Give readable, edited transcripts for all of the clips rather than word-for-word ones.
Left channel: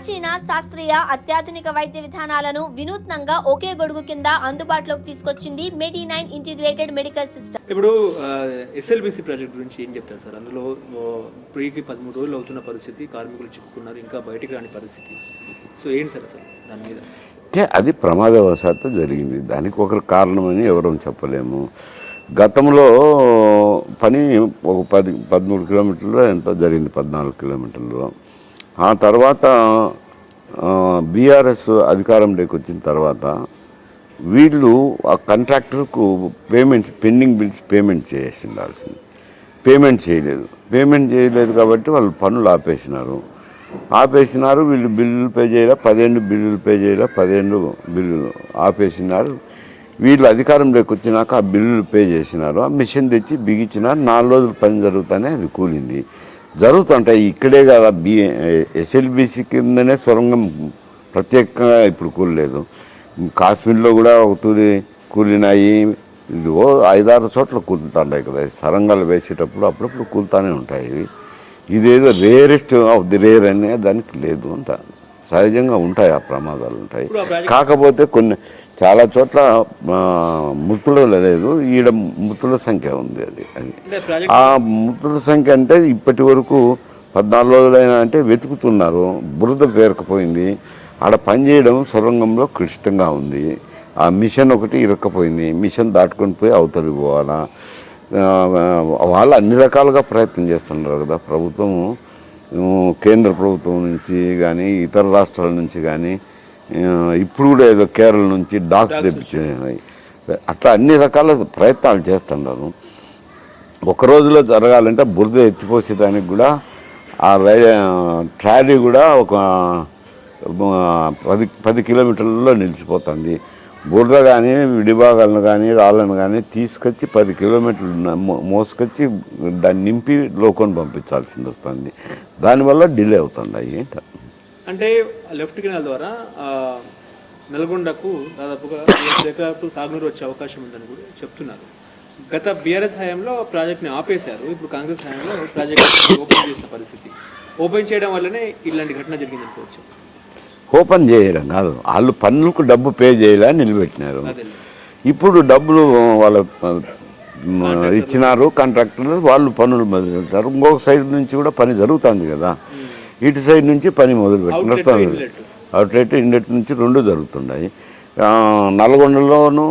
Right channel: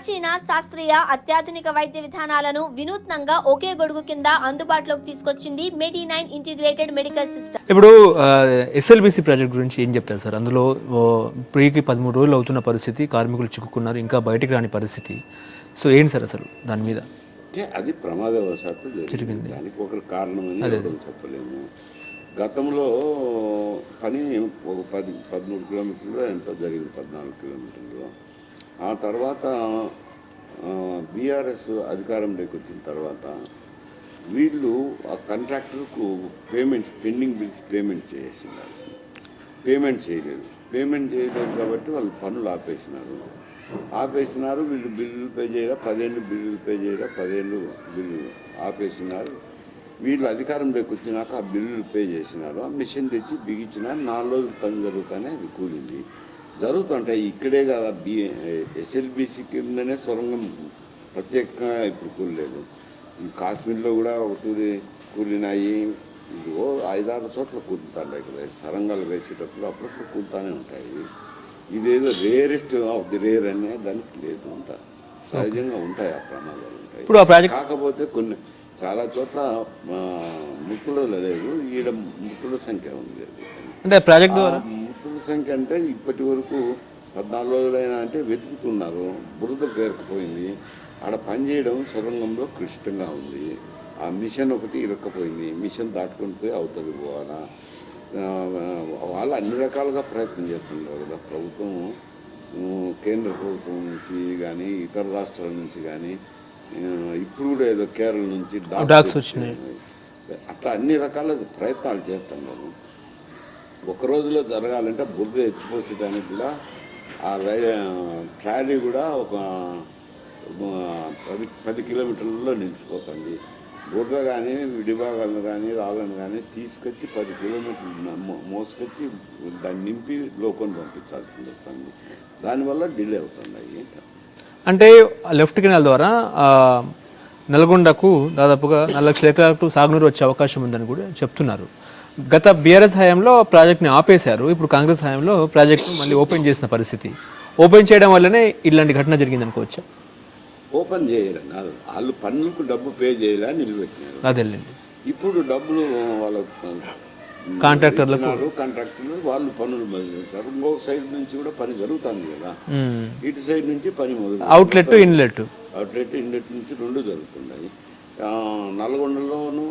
ప్రాచీన శాస్త్రీయ అత్యాధునిక వైద్య విధానాలను వినూత్నంగా ఒకే గొడుగు కింద అందుబాటులోకి తీసుకొచ్చింది మెడి9 ఇంటిగ్రేటెడ్ మెడికల్ సిస్టమ్. ఇప్పుడు ఎస్ఎల్బిసి ప్రాజెక్ట్ గురించి ఏం చెప్తారు సార్? అందులో ప్రీకి 13 రోజులు అవుతున్న పరిస్థితి, కార్మికులు చిక్కుకున్నారు, ఇంకా బయటికి రాని పరిస్థితి. సో ఏంటి సార్ అసలు దాని మీద? అంటే అది ప్రమాదవశాత్తు జరిగింది. దానికి ఒకరు కారణమని ఎవరూ చెప్పలేము. గతంలో పని ఒక 13 కిలోమీటర్లు ఎంత జరిగింది, 14 కిలోమీటర్లు. ఆ తర్వాత బీఆర్ఎస్ అధికారంలోకి వచ్చిన తర్వాత వీళ్ళు ఆ కాంట్రాక్టర్కు పెండింగ్ బిల్స్ పేమెంట్ చేసి ఉండాల్సింది. పేమెంట్ చేయలేదు కాబట్టి వాళ్ళు పనులు ఆపేసినారు. వీళ్ళు బిల్లులు పే చేయాల, 10 బిల్లులు పే చేయాల, 10 బిల్లులు ఆపేసినారు. వీళ్ళు అధికారంలోకి వచ్చినాక ఆ బిల్లులు పే చేసినారు. ఆ మిషన్ తెచ్చి బిగించినారు. 4 రోజులు పని జరుగుతానే అది కూలింది. జరుగుతుంటాయి ఇక్కడే కదా. ఎస్ఎల్బిసి కిందనే సొరంగం ప్రత్యేకంగా ఇప్పుడు కూలలేదు. కాశ్మీర్లో కూడా ఒక తూరి కూలినాయి. ఇదిగో 5-6 చోట్ల కూలుతుంటాయి కదా. సొరంగాలు వేసేటప్పుడు అప్పుడప్పుడు కూలుతానే ఉంటాయి. ఇదేదో రేరెస్ట్ ఆఫ్ ది రేర్ అనే దానికి లేదు అంట. సహజంగా ఉంటాయి, ఆ ప్రమాదాలు ఉంటాయి. కాకపోతే చాలా చోట్ల మృతులు లేదు, ఈడ మృతుల సంఖ్య ఉంది. అది ఆ మృతుల సంఖ్య అంటే ఇప్పటి వరకు 14 రోజులైనా అంటే వెతుకుతున్నారు. బురద పేరుకుపోయింది. ఆడ పనిచేయడం సొరంగంలో క్లిష్టంగా ఉంది. ఆ మిషన్ ఒకటి ఇరక్కపోయింది. మిషన్ దాటుకొని పోయి అవతలికి పోవాలా. వాళ్ళు అన్ని రకాలుగా ప్రయత్నం చేస్తున్నారు కదా. ప్రభుత్వం, కేంద్ర ప్రభుత్వం నుంచి కానీ ఇతర రాష్ట్రాల నుంచి కానీ, ఇప్పుడు కూడా ఏదో కేరళ నుంచి డాక్టర్స్ అట్లా అన్ని రకాల ప్రయత్నాలు చేస్తున్నారు. ఒక రోజులో జరగాలంటే బురద ఎత్తిపోసేదానికి కూడా ఆ ట్రాలీ కూడా ఒక 10 కిలోమీటర్లలో నిలిచిపోతుంది. బురద కానీ విడిభాగాలను కానీ రాళ్ళను కానీ తీసుకొచ్చి 10 కిలోమీటర్లు మోసుకొచ్చి దాన్ని నింపి లోకొని పంపించాల్సింది వస్తుంది. దానివల్ల డిలే అవుతున్నాయి. అంటే లెఫ్ట్ కెనాల్ ద్వారా నల్గొండకు దాదాపుగా 4 లక్షల ఎకరాలకు సాగునీరు వచ్చే అవకాశం ఉందని కూడా చెప్తున్నారు. గత బీఆర్ఎస్ హయాంలో ప్రాజెక్ట్ని ఆపేశారు. ఇప్పుడు కాంగ్రెస్ హయాంలో ప్రాజెక్ట్ని ఓపెన్ చేసిన పరిస్థితి. ఓపెన్ చేయడం వల్లనే ఇలాంటి ఘటన జరిగింది అనుకోవచ్చు. ఓపెన్ చేయడం కాదు, వాళ్ళు పన్నులకు డబ్బు పే చేయాలని నిలబెట్టినారు. ఇప్పుడు డబ్బులు వాళ్ళ ఇచ్చినారు కాంట్రాక్టర్లు, వాళ్ళు పనులు మొదలుపెట్టారు. ఇంకొక సైడ్ నుంచి కూడా పని జరుగుతుంది కదా. ఇటు సైడ్ నుంచి పని మొదలు అవుట్లెట్ ఇన్లెట్ నుంచి 2 జరుగుతున్నాయి. నల్గొండలోను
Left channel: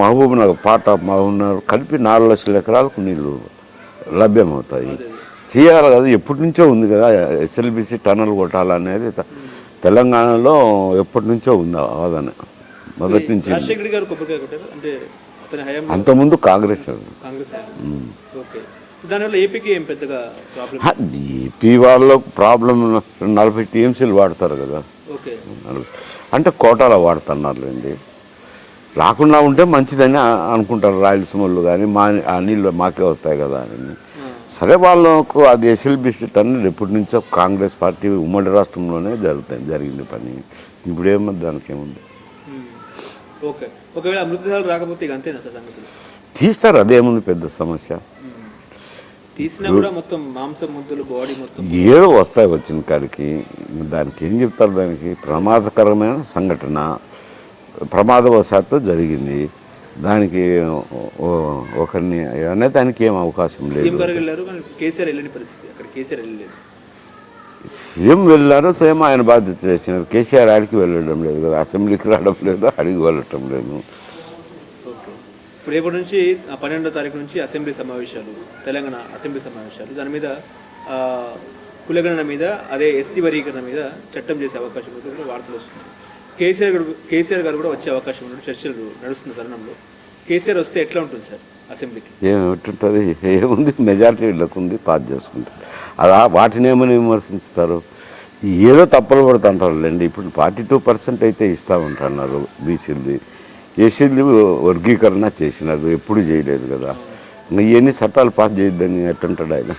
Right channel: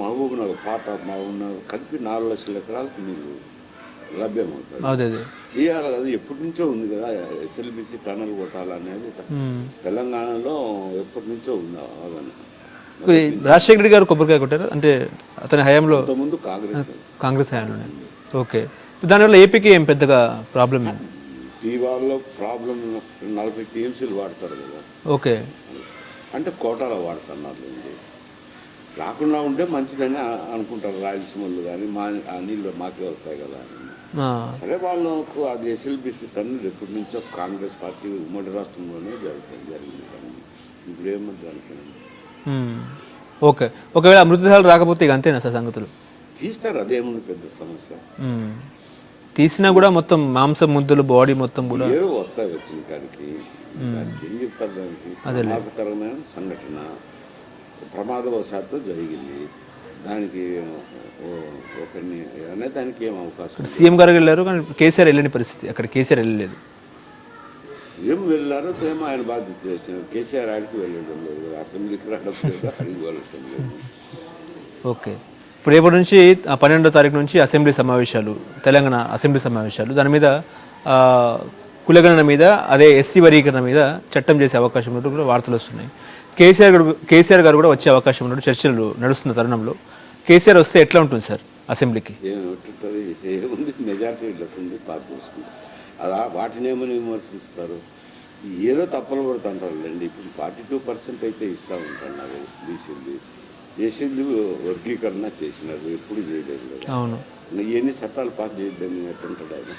మహబూబ్నగర్, పార్ట్ ఆఫ్ మహబూబ్నగర్ కలిపి 4 లక్షల ఎకరాలకు నీళ్లు లభ్యమవుతాయి. చేయాలి కదా, ఎప్పటి నుంచో ఉంది కదా. ఎస్ఎల్బిసి టనల్ కొట్టాలనేది తెలంగాణలో ఎప్పటి నుంచో ఉంది వాదన. రాజశేఖర రెడ్డి గారు కొబ్బరికాయ కొట్టారు అంటే అతని హయాంలో, అంతకుముందు కాంగ్రెస్ హయాంలో. ఓకే, దానివల్ల ఏపీకి ఏం పెద్దగా ప్రాబ్లం? ఏపీ వాళ్ళకు ప్రాబ్లం 40 టీఎంసీలు వాడతారు కదా. ఓకే, అంటే కోటాలో వాడుతున్నారులేండి. రాకుండా ఉంటే మంచిదని అనుకుంటారు రాయలసీమలు కానీ. ఆ నీళ్ళు మాకే వస్తాయి కదా అని. సరే, వాళ్ళకు అది ఎస్ఎల్బిసి టన్నులు ఎప్పటి నుంచో కాంగ్రెస్ పార్టీ ఉమ్మడి రాష్ట్రంలోనే జరిగింది పని. ఇప్పుడేమో దానికి ఏముంది. ఓకే, ఒకవేళ మృతదేహాలు రాకపోతే ఇక అంతేనా సార్ సంగతులు? తీస్తారు, అదేముంది పెద్ద సమస్య. తీసినా కూడా మొత్తం మాంసం ముద్దలు, బాడీ మొత్తం ఏదో వస్తాయి వచ్చిన కాడికి. దానికి ఏం చెప్తారు? దానికి ప్రమాదకరమైన సంఘటన ప్రమాదవశాత్తు జరిగింది. దానికి ఒకరిని అనే దానికి ఏం అవకాశం లేదు. సీఎం గారు వెళ్ళారు కానీ కేసీఆర్ వెళ్ళని పరిస్థితి. అక్కడ కేసీఆర్ వెళ్ళలేదు. సీఎం వెళ్ళారు, సీఎం ఆయన బాధ్యత చేసినారు. కేసీఆర్ ఆడికి వెళ్ళడం లేదు కదా, అసెంబ్లీకి రావడం లేదు, అడిగి వెళ్ళటం లేదు. ఓకే, ఇప్పుడు రేపటి నుంచి 12వ తారీఖు నుంచి అసెంబ్లీ సమావేశాలు, తెలంగాణ అసెంబ్లీ సమావేశాలు. దాని మీద కులగణన మీద, అదే ఎస్సీ వర్గీకరణ మీద చట్టం చేసే అవకాశం ఉన్నట్టు కూడా వార్తలు వస్తున్నాయి. కేసీఆర్ గారు కూడా వచ్చే అవకాశం ఉన్నట్టు చర్చలు నడుస్తున్న తరుణంలో కేసీఆర్ వస్తే ఎట్లా ఉంటుంది సార్ అసెంబ్లీకి? ఏమిటి, ఏముంది, మెజారిటీ వీళ్ళకు ఉంది, పాస్ చేసుకుంటారు. అలా వాటిని ఏమని విమర్శిస్తారు? ఏదో తప్పులు పడుతుంటారులేండి. ఇప్పుడు 42% అయితే ఇస్తూ ఉంటున్నారు బీసీలది. ఎస్సీలది వర్గీకరణ చేసినారు, ఎప్పుడు చేయలేదు కదా. ఎన్ని చట్టాలు పాస్ చేయొద్దని ఎట్టుంటాడు ఆయన?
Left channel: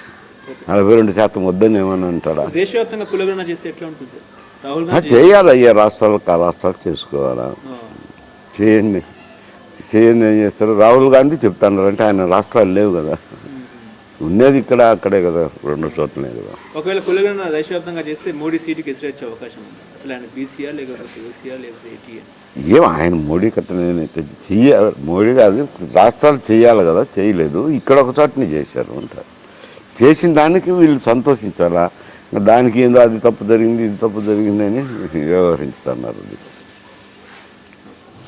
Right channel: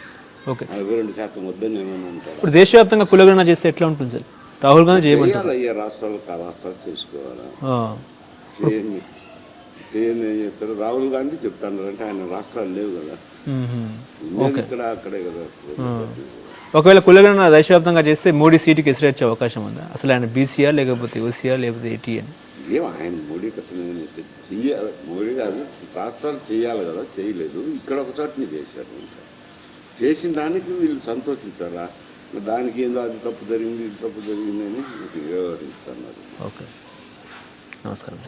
42% వద్దని ఏమని అంటాడా? దేశవ్యాప్తంగా కులగణన చేస్తే ఎట్లా ఉంటుంది సార్? రాహుల్ గాంధీ చేయాలి, అయ్యా రాష్ట్రాలకు ఆ రాష్ట్రాలు చేసుకోవాలా. చేయండి ఏం చేస్తారు? రాహుల్ గాంధీ చెప్తున్నారు అంటే ఆయన రాష్ట్రాలు లేవు కదా. ఉన్నది ఇక్కడ అక్కడే కదా, రెండు చోట్లనే కదా. ఒకవేళ కులగణన దేశవ్యాప్తంగా చేస్తే మోడీ సీటుకి ఎసిరేచ్చే అవకాశం ఉందా? అసలు ఆయన బీసీఆర్ లేకపోతే ఓసీఆర్ లేకపోతే ఏటీఎన్? ఏం ఆయన మోడీ కథ చెయ్యాలి, మోడీ కాదు రాష్ట్రాలు చేయాలి కదా, చేయలేదు. ఇక్కడ ఒక చోటని చేశారు అంటారు. చేసిన దానికి వీళ్ళు సంతోషించాలా? దానికి ఏందో అది తప్పు జరిగింది, ఇది తప్పు జరిగింది అని వ్యవహరించుతున్నారు. ఓకే, నమస్కారం.